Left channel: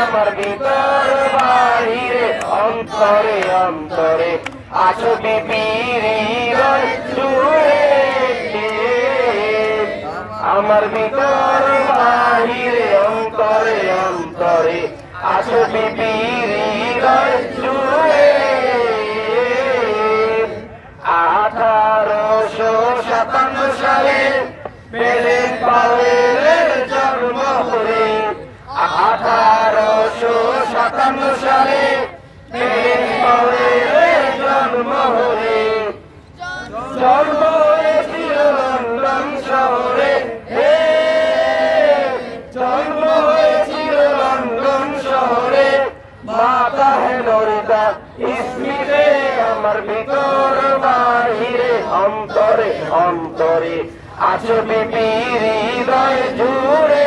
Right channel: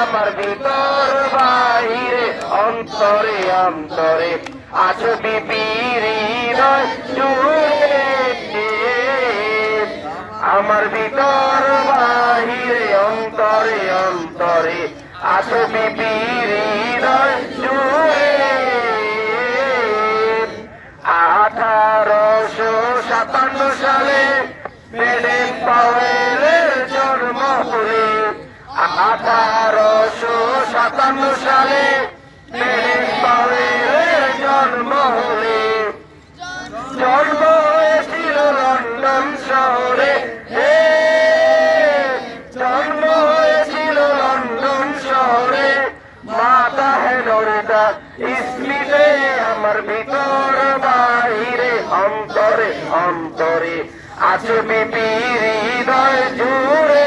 আমার ভিতর বাহিরে অন্তরে অন্তরে আছো বিপির হৃদয় জুড়ে আমার ভিতর বাহিরে অন্তরে অন্তরে আছো বিপির হৃদয় জুড়ে 1857 সালে পেলে পাওয়েলের জন্ম হলে 1857 সালে পেলে পাওয়েলের জন্ম হলে জন্ম হয়েছিল লন্ডন শহরে জন্ম হয়েছিল লন্ডন শহরে মাতা হেলোরেটা স্মিথে আমার ভিতর বাহিরে অন্তরে অন্তরে আছে বিপির হৃদয় জুড়ে